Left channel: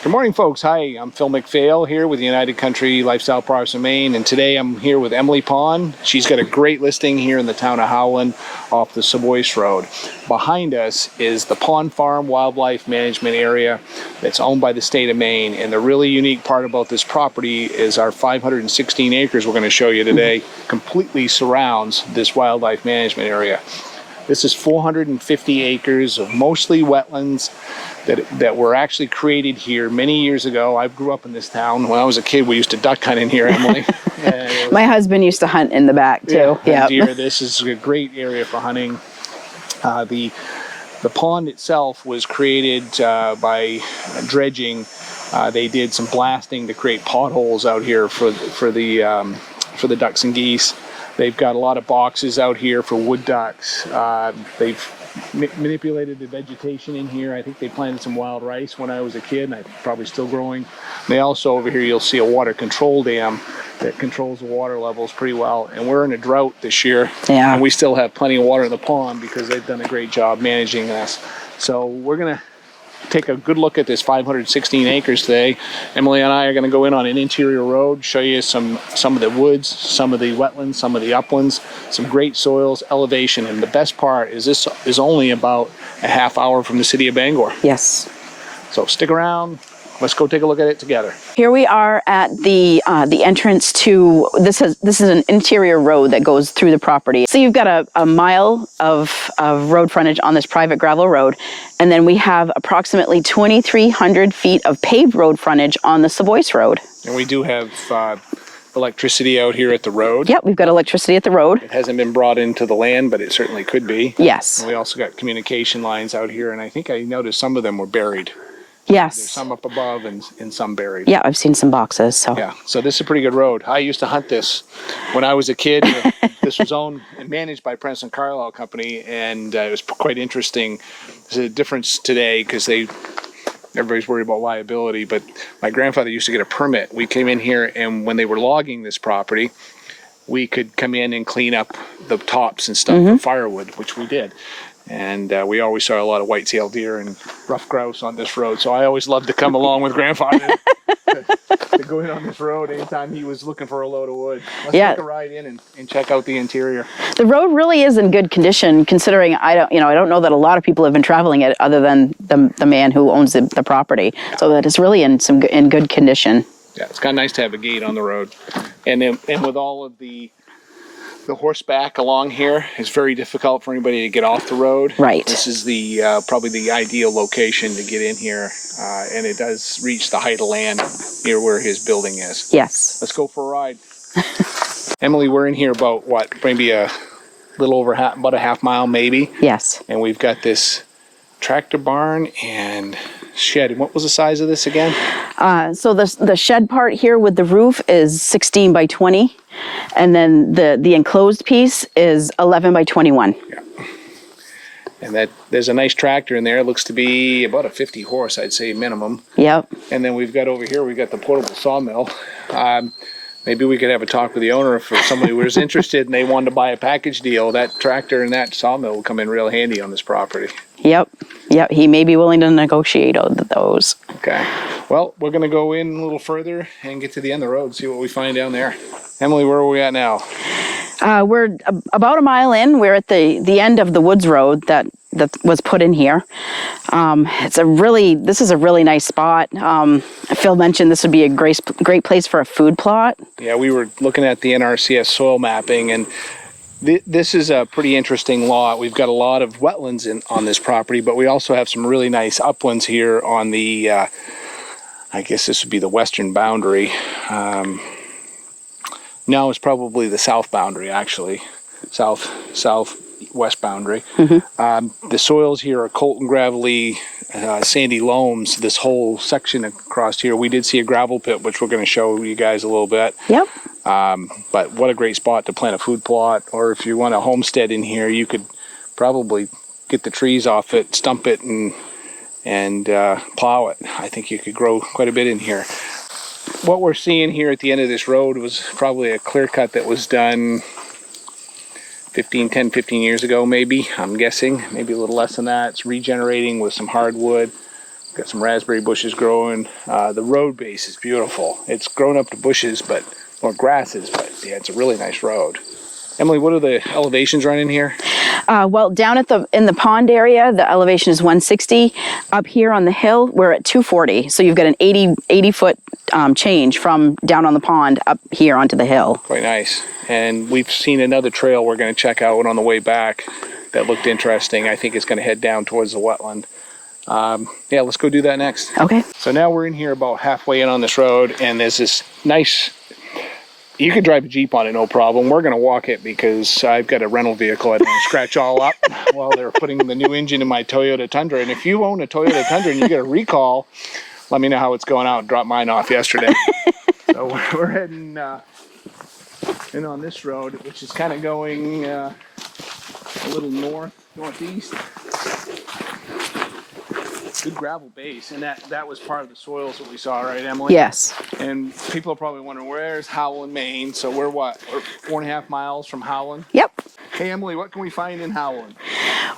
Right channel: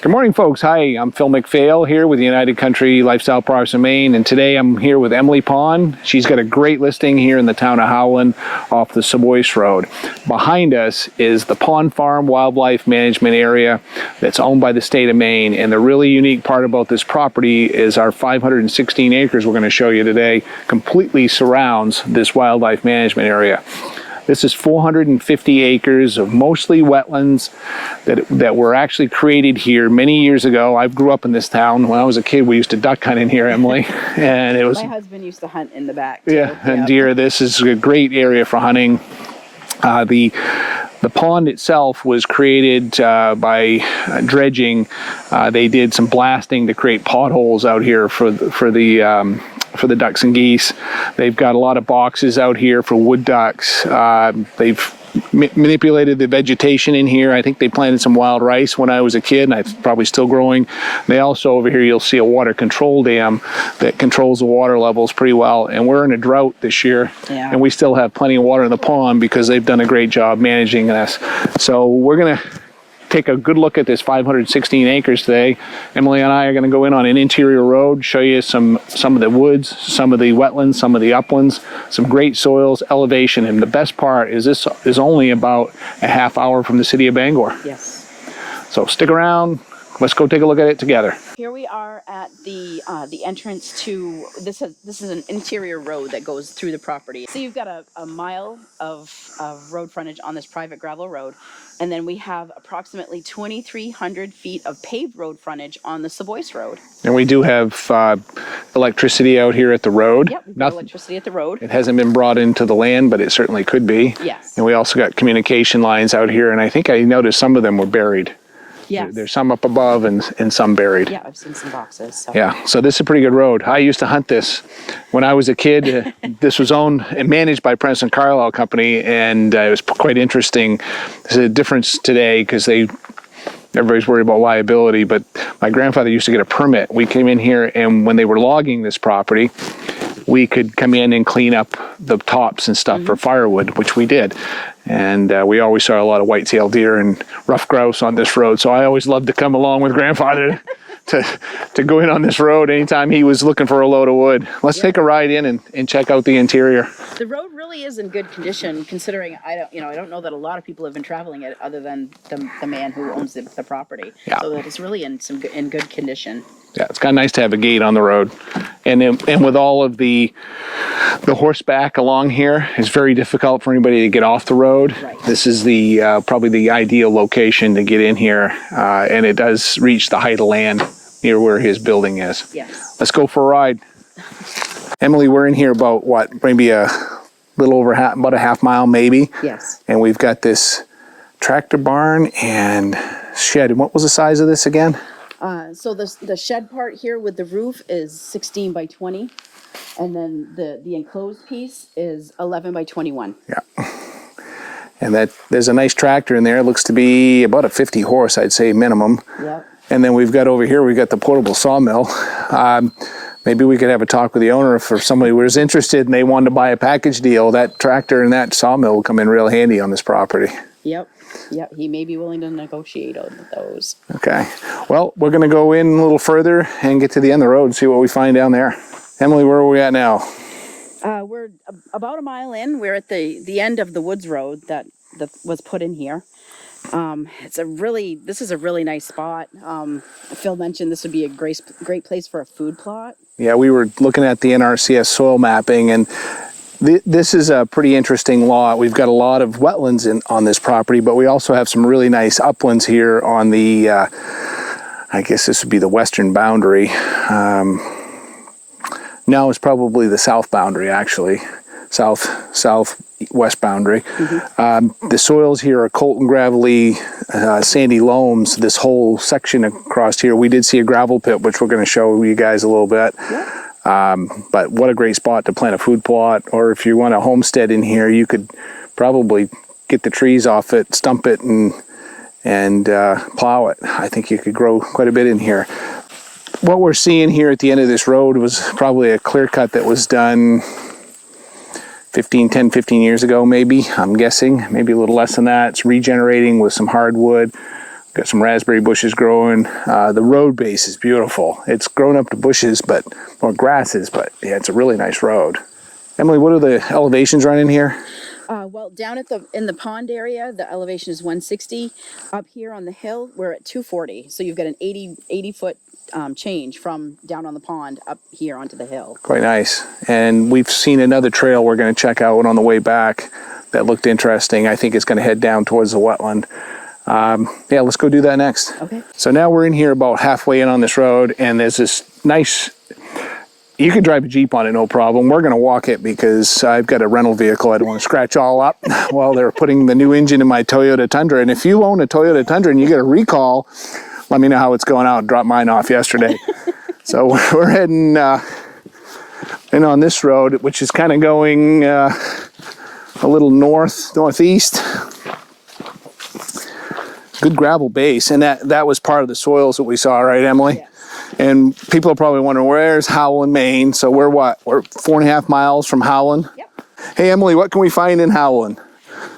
Good morning, folks. Hi, I'm Phil McPhail here with the United Country Lifestyle Products of Maine, and today I'm here with Emily Pond. She's got a great listing here in the town of Howland off the Seboeis Road. Behind us is the Pond Farm Wildlife Management Area that's owned by the state of Maine, and the really unique part about this property is our 516 acres we're going to show you today completely surrounds this wildlife management area. This is 450 acres of mostly wetlands that were actually created here many years ago. I grew up in this town. When I was a kid, we used to duck hunt in here, Emily. And it was, my husband used to hunt in the back too. Yeah, and deer. This is a great area for hunting. The pond itself was created by dredging. They did some blasting to create potholes out here for the ducks and geese. They've got a lot of boxes out here for wood ducks. They've manipulated the vegetation in here. I think they planted some wild rice when I was a kid, and it's probably still growing. They also, over here, you'll see a water control dam that controls the water levels pretty well. And we're in a drought this year, and we still have plenty of water in the pond because they've done a great job managing this. So we're gonna take a good look at this 516 acres today. Emily and I are going to go in on an interior road, show you some of the woods, some of the wetlands, some of the uplands, some great soils, elevation, and the best part is this is only about a half hour from the city of Bangor. Yes. So stick around. Let's go take a look at it together. Here we are at the entrance to, this is an interior road that goes through the property. So you've got a mile of road frontage on this private gravel road, and then we have approximately 2,300 feet of paved road frontage on the Seboeis Road. And we do have electricity out here at the road. Yep, we've got electricity at the road. It hasn't been brought into the land, but it certainly could be. Yes. And we also got communication lines out here, and I think I noticed some of them were buried. Yes. There's some up above and some buried. Yeah, I've seen some boxes. So. Yeah, so this is a pretty good road. I used to hunt this when I was a kid. This was owned and managed by Princeton Carlisle Company, and it was quite interesting. There's a difference today because everybody's worried about liability, but my grandfather used to get a permit. We came in here, and when they were logging this property, we could come in and clean up the tops and stuff for firewood, which we did. And we always saw a lot of whitetail deer and rough grouse on this road. So I always loved to come along with Grandfather to go in on this road anytime he was looking for a load of wood. Let's take a ride in and check out the interior. The road really is in good condition, considering I don't know that a lot of people have been traveling it other than the man who owns the property. Yeah. So that it's really in good condition. Yeah, it's kind of nice to have a gate on the road. And with all of the horseback along here, it's very difficult for anybody to get off the road. Right. This is the probably the ideal location to get in here, and it does reach the height of land near where his building is. Yes. Let's go for a ride. Emily, we're in here about what, maybe a little over about a half mile maybe? Yes. And we've got this tractor barn and shed. And what was the size of this again? So the shed part here with the roof is 16 by 20, and then the enclosed piece is 11 by 21. Yeah. And there's a nice tractor in there. It looks to be about a 50 horse, I'd say, minimum. Yep. And then we've got over here, we've got the portable sawmill. Maybe we could have a talk with the owner if somebody was interested and they wanted to buy a package deal. That tractor and that sawmill will come in real handy on this property. Yep. He may be willing to negotiate those. Okay. Well, we're going to go in a little further and get to the end of the road and see what we find down there. Emily, where are we at now? We're about a mile in. We're at the end of the woods road that was put in here. This is a really nice spot. Phil mentioned this would be a great place for a food plot. Yeah, we were looking at the NRCS soil mapping, and this is a pretty interesting lot. We've got a lot of wetlands on this property, but we also have some really nice uplands here on the, I guess this would be the western boundary. No, it's probably the south boundary, actually. Southwest boundary. The soils here are Colton gravelly, sandy loams. This whole section across here, we did see a gravel pit, which we're going to show you guys a little bit. Yep. But what a great spot to plant a food plot, or if you want a homestead in here, you could probably get the trees off it, stump it, and plow it. I think you could grow quite a bit in here. What we're seeing here at the end of this road was probably a clear cut that was done 10, 15 years ago, maybe, I'm guessing, maybe a little less than that. It's regenerating with some hardwood. Got some raspberry bushes growing. The road base is beautiful. It's grown up to bushes, or grasses, but yeah, it's a really nice road. Emily, what are the elevations running here? Well, down in the pond area, the elevation is 160. Up here on the hill, we're at 240. So you've got an 80 foot change from down on the pond up here onto the hill. Quite nice. And we've seen another trail we're going to check out on the way back that looked interesting. I think it's going to head down towards the wetland. Yeah, let's go do that next. Okay. So now we're in here about halfway in on this road, and there's this nice, you could drive a Jeep on it, no problem. We're going to walk it because I've got a rental vehicle I don't want to scratch all up while they're putting the new engine in my Toyota Tundra. And if you own a Toyota Tundra and you get a recall, let me know how it's going out. Dropped mine off yesterday. So we're heading in on this road, which is kind of going a little northeast. Good gravel base, and that was part of the soils that we saw, right, Emily? Yes. And people are probably wondering, where's Howland, Maine? So we're what? We're 4.5 miles from Howland? Yep. Hey, Emily, what can we find in Howland?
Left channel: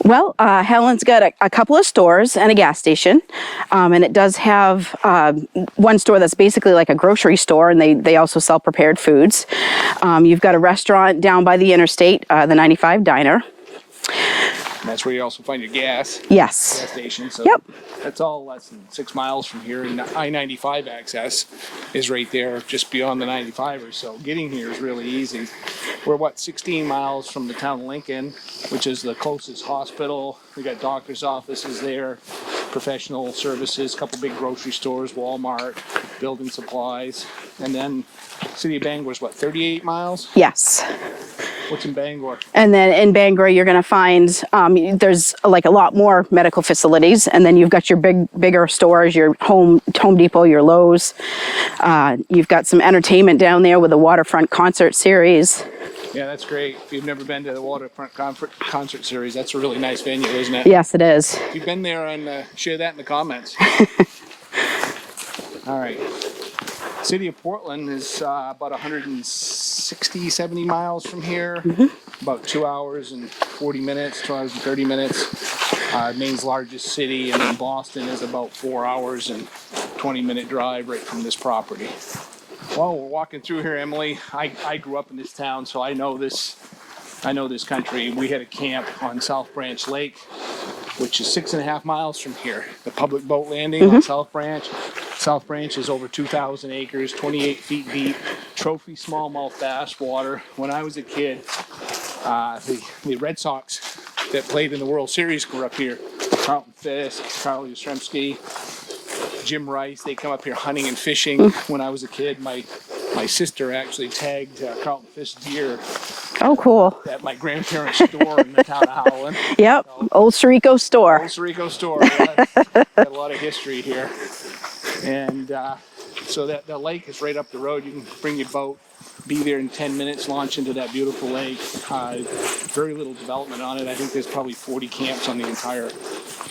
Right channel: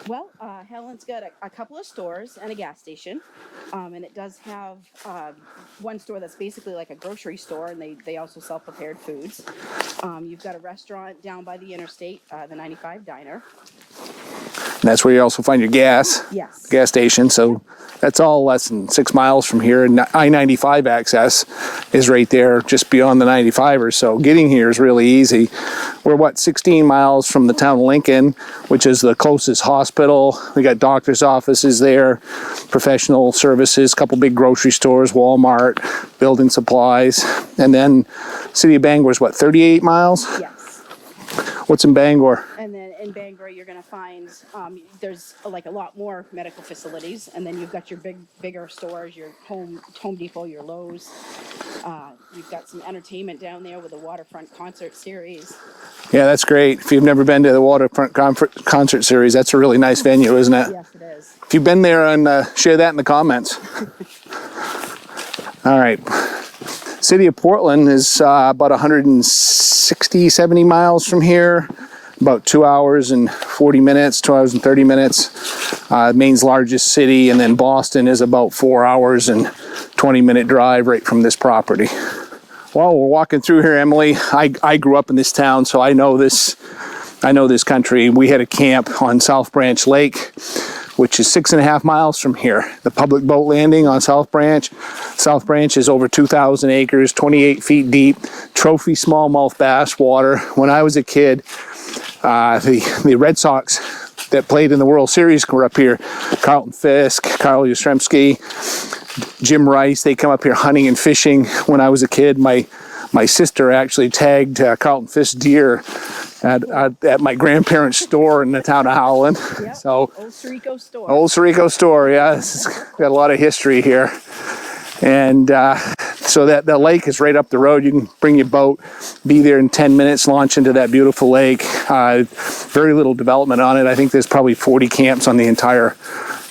Well, Howland's got a couple of stores and a gas station, and it does have one store that's basically like a grocery store, and they also sell prepared foods. You've got a restaurant down by the interstate, the 95 Diner. And that's where you also find your gas. Yes. Gas station. So yep. That's all less than 6 miles from here. And I-95 access is right there just beyond the 95 or so. Getting here is really easy. We're 16 miles from the town of Lincoln, which is the closest hospital. We got doctor's offices there, professional services, a couple big grocery stores, Walmart, building supplies. And then city of Bangor is 38 miles? Yes. What's in Bangor? And then in Bangor, you're going to find there's like a lot more medical facilities, and then you've got your bigger stores, your Home Depot, your Lowe's. You've got some entertainment down there with a waterfront concert series. Yeah, that's great. If you've never been to the waterfront concert series, that's a really nice venue, isn't it? Yes, it is. If you've been there, and share that in the comments. All right. City of Portland is about 160, 70 miles from here. Mm-hmm. About 2 hours and 40 minutes, 2 hours and 30 minutes. Maine's largest city, and then Boston is about 4 hours and 20-minute drive right from this property. While we're walking through here, Emily, I grew up in this town, so I know this country. We had a camp on South Branch Lake, which is 6.5 miles from here. The public boat landing on South Branch. South Branch is over 2,000 acres, 28 feet deep, trophy smallmouth bass water. When I was a kid, the Red Sox that played in the World Series were up here. Carlton Fisk, Carl Yastrzemski, Jim Rice, they come up here hunting and fishing. When I was a kid, my sister actually tagged Carlton Fisk deer at my grandparents' store in the town of Howland. Yep, so, Old Sirico store. Old Sirico store, yeah. It's got a lot of history here. And so that lake is right up the road. You can bring your boat, be there in 10 minutes, launch into that beautiful lake. Very little development on it. I think there's probably 40 camps on the entire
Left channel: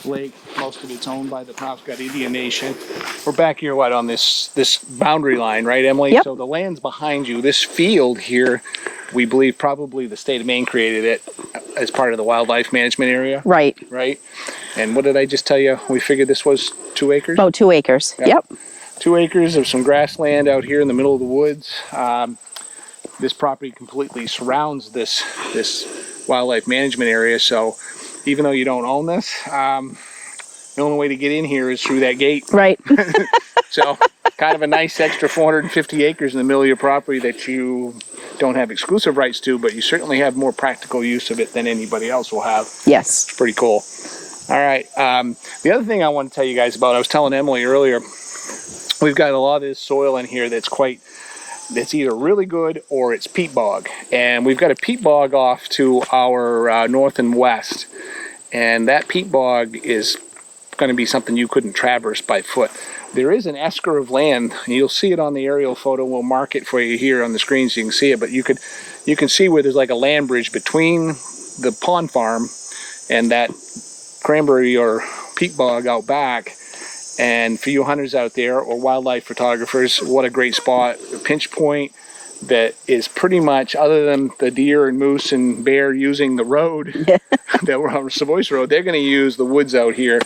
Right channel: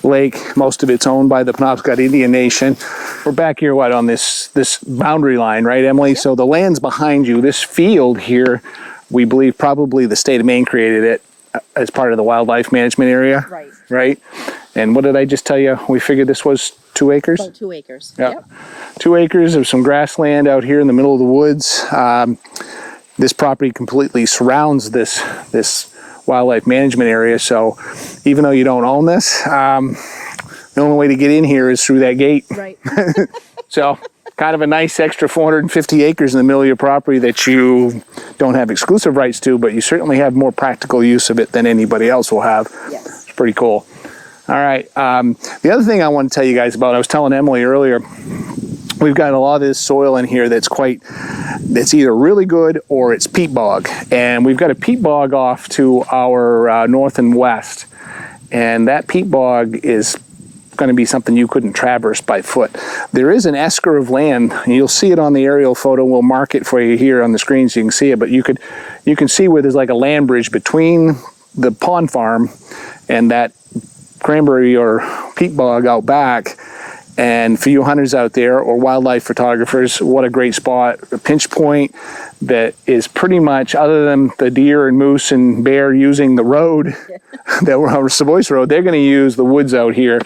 lake. Most of it's owned by the Penobscot Indian Nation. We're back here, on this boundary line, right, Emily? Yep. So the land's behind you. This field here, we believe probably the state of Maine created it as part of the wildlife management area. Right. Right. And what did I just tell you? We figured this was 2 acres? About 2 acres. Yep. 2 acres of some grassland out here in the middle of the woods. This property completely surrounds this wildlife management area. So even though you don't own this, the only way to get in here is through that gate. Right. So kind of a nice extra 450 acres in the middle of your property that you don't have exclusive rights to, but you certainly have more practical use of it than anybody else will have. Yes. It's pretty cool. All right. The other thing I want to tell you guys about, I was telling Emily earlier, we've got a lot of this soil in here that's either really good or it's peat bog. And we've got a peat bog off to our north and west. And that peat bog is going to be something you couldn't traverse by foot. There is an esker of land, and you'll see it on the aerial photo. We'll mark it for you here on the screen so you can see it. But you can see where there's like a land bridge between the pond farm and that cranberry or peat bog out back. And for you hunters out there or wildlife photographers, what a great spot. A pinch point that is pretty much, other than the deer and moose and bear using the road, that we're on Seboeis Road, they're going to use the woods out here.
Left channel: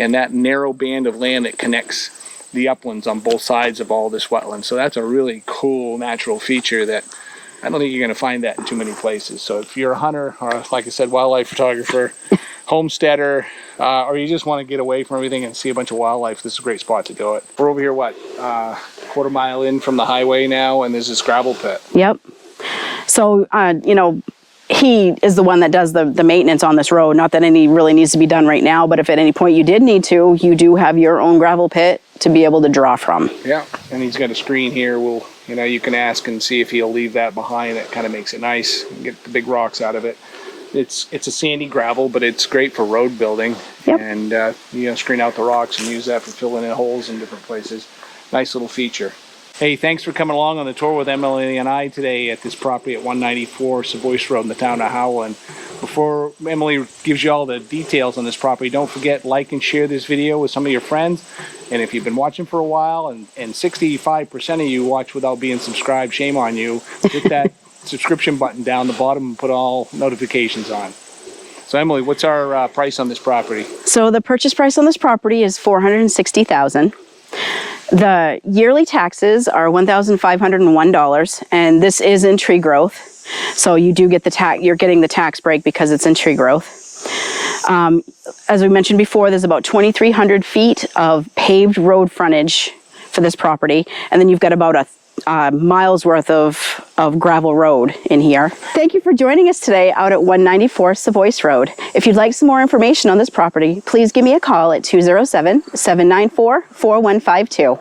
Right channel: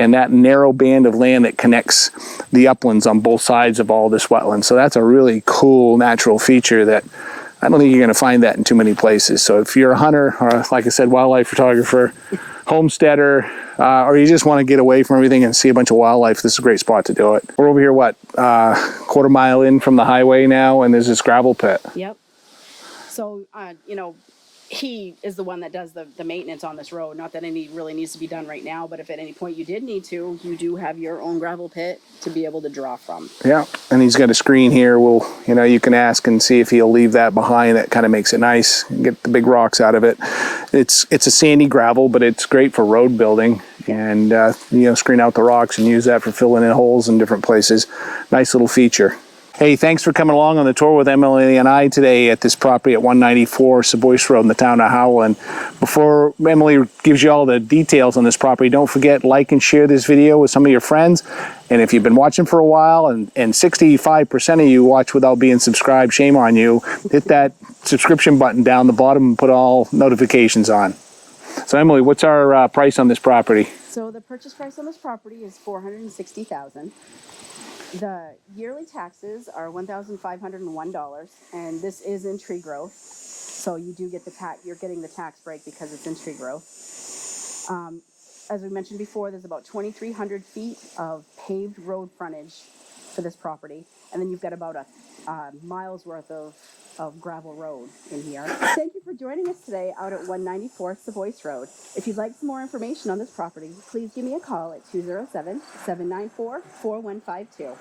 and that narrow band of land that connects the uplands on both sides of all this wetland. So that's a really cool natural feature that I don't think you're going to find that in too many places. So if you're a hunter, or like I said, wildlife photographer, homesteader, or you just want to get away from everything and see a bunch of wildlife, this is a great spot to do it. We're over here, what, quarter mile in from the highway now, and there's this gravel pit. Yep. So, you know, he is the one that does the maintenance on this road. Not that any really needs to be done right now, but if at any point you did need to, you do have your own gravel pit to be able to draw from. Yeah, and he's got a screen here. Well, you know, you can ask and see if he'll leave that behind. That kind of makes it nice. Get the big rocks out of it. It's a sandy gravel, but it's great for road building. Yep. And you know, screen out the rocks and use that for filling in holes in different places. Nice little feature. Hey, thanks for coming along on the tour with Emily and I today at this property at 194 Seboeis Road in the town of Howland. Before Emily gives you all the details on this property, don't forget, like and share this video with some of your friends. And if you've been watching for a while, and 65% of you watch without being subscribed, shame on you, hit that subscription button down the bottom and put all notifications on. So Emily, what's our price on this property? So the purchase price on this property is $460,000. The yearly taxes are $1,501, and this is in tree growth. So you do get you're getting the tax break because it's in tree growth. As we mentioned before, there's about 2,300 feet of paved road frontage for this property, and then you've got about a mile's worth of gravel road in here. Thank you for joining us today out at 194 Seboeis Road. If you'd like some more information on this property, please give me a call at 207-794-4152.